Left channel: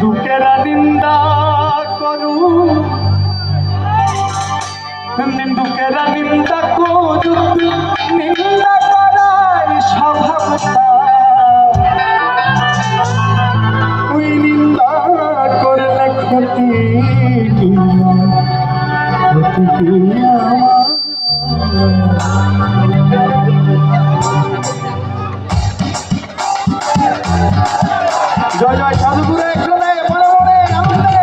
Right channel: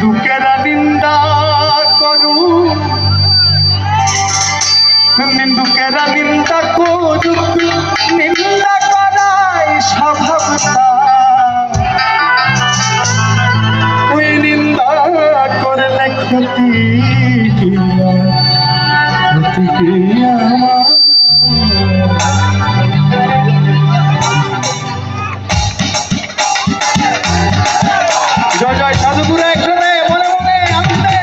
দুঃখেরা নিন্দা করু নিন্দুকেরা নিন্দা করুক নিন্দা করাই স্বভাবতা ওই নিন্দা করলে ক্ষতি কি আমার জয় জয় সাধুগুরু একজনে মনে মনে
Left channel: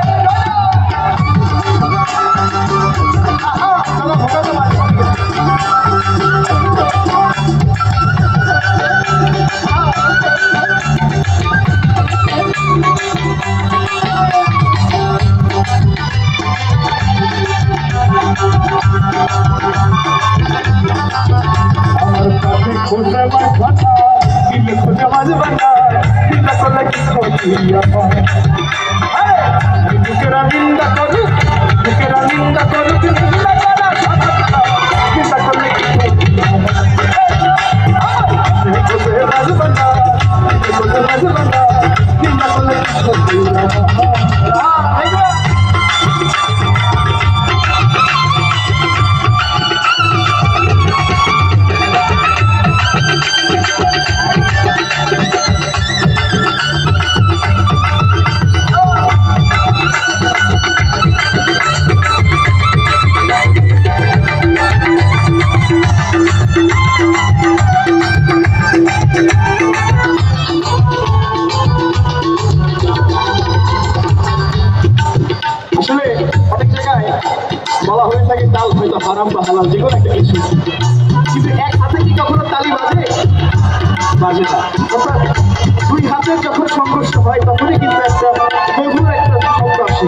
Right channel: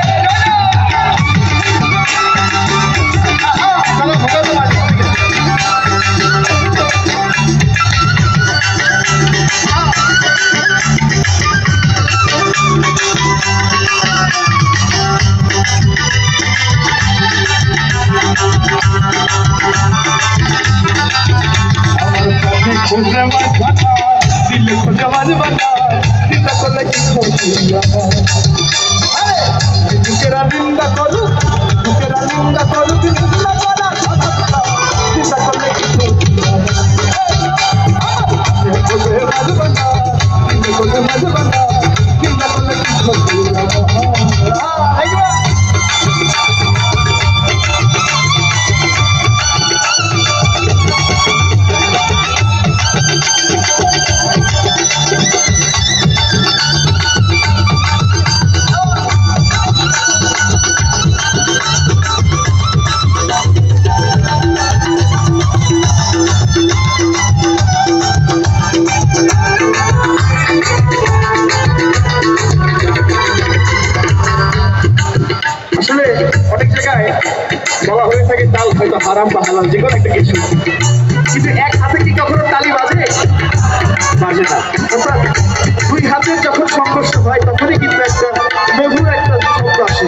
আনন্দে খুঁজে মাঝা দিলে খুঁজে মাঝ বানা চিন্তা করলে কি ক্ষতি আমার দুঃখেরা নিন্দা করুক দুঃখেরা নিন্দা করুক নিন্দা করা সাধনা চিন্তা করলে কি ক্ষতি আমার খুঁজে মাঝ বানা দিলে খুঁজে মাঝ বানা চিন্তা করলে কি ক্ষতি আমার আসলে অনেক জায়গায় বলা হয়ে থাকে তাল হয়তো হারাম বা হালাল যে কোনো একটা কিছু, কিন্তু এক হাতে কি কখনো তালি বাজে বাজে না। অর্থাৎ দুই হাতের যখন সংঘর্ষ হয় তখনই কিন্তু একটা মধুর একটা শব্দ আসে,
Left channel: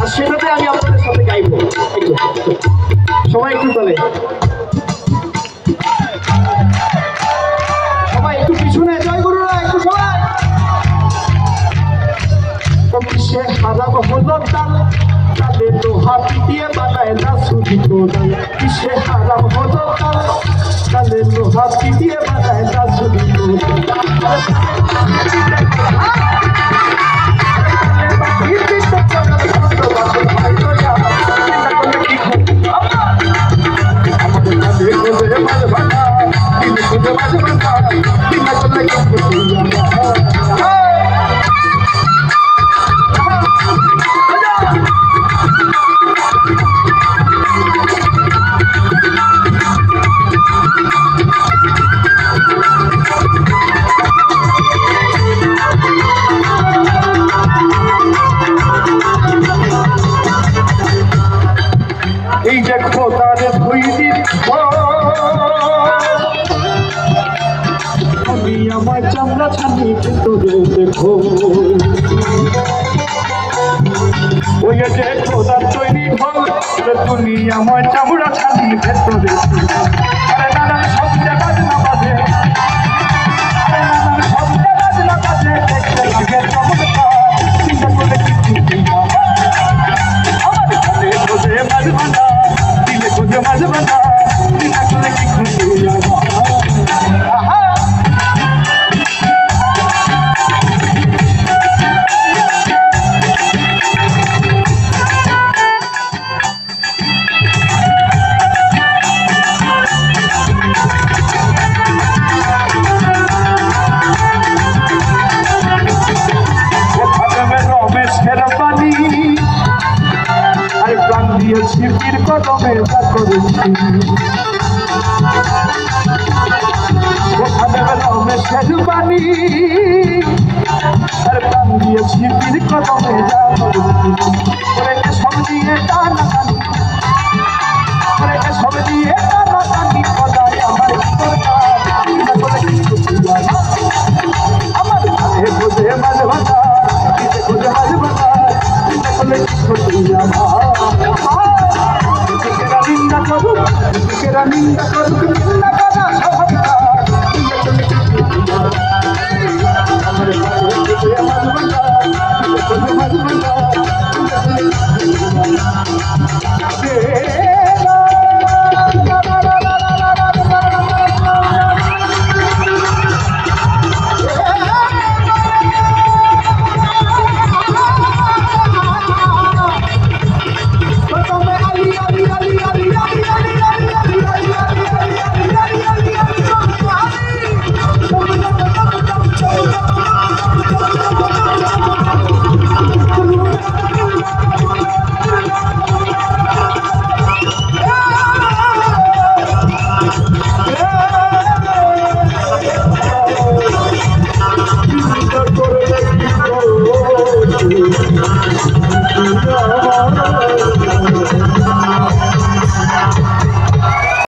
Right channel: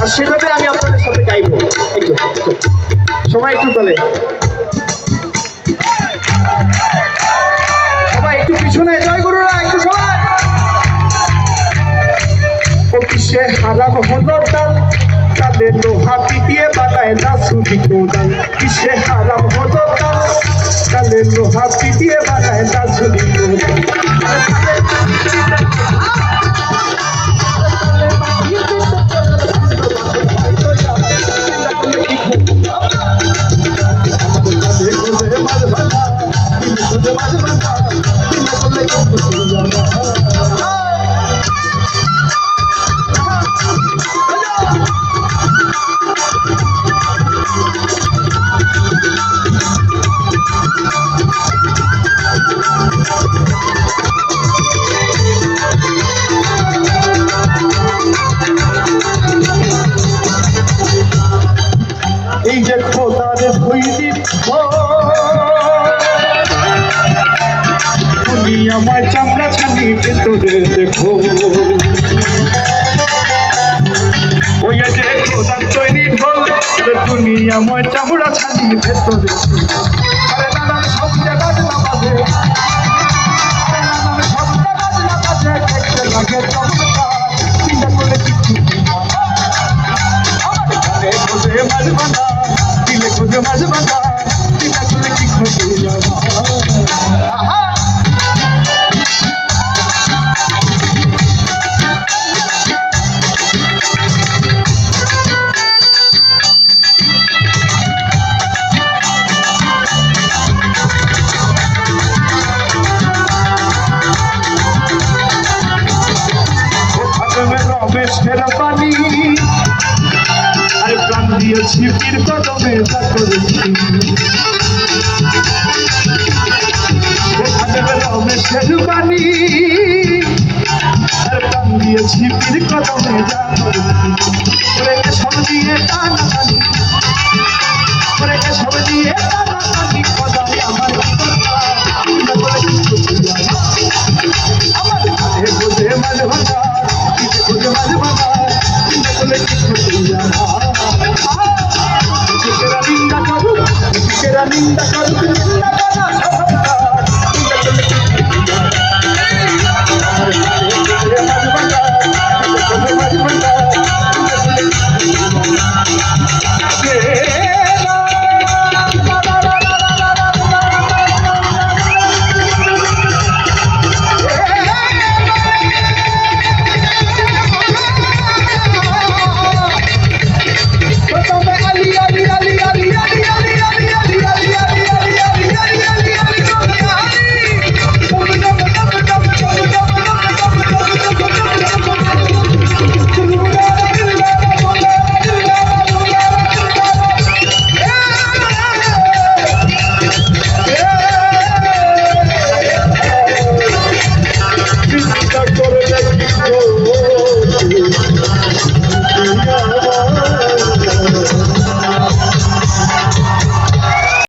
আর সেটাতে আমি আপনাদের সাথে গাইব। সবাই একটু বলে, সবাই একটু পিছনে, জয় গুরুরা একটু সবাই। কিসে হারাম হলো তাল তালে লোহা পিটিয়ে বানায় না সুদি কোদাল কিসে হারাম হলো তাল তালে লোহা পিটিয়ে বানায় না সুদি এই যে খোদার ভৈরি তুমি আমার চামড়া ছানি ভেতরে দেখো, ওই যে খোদার তৈরি ঢোল তুমি আমার চামড়া ছানি ভেতরে নানান শব্দ বাজনা বাজে নানান শব্দ বাজনা বাজে দেখতে লাগে চমৎকার চিন্তা করে কিছু আমার ঘরে খোঁজে মাঝ বানা দিলে খোঁজে মাঝ বানা চিন্তা করলে কি ক্ষতি আমার দিয়েছি পীর কদমে যা করেছি রমেশের বাণী আর প্রাণ দিয়েছি পীর কদমে যা করেছি সব দিয়ে টানা সব নিন্দা করুক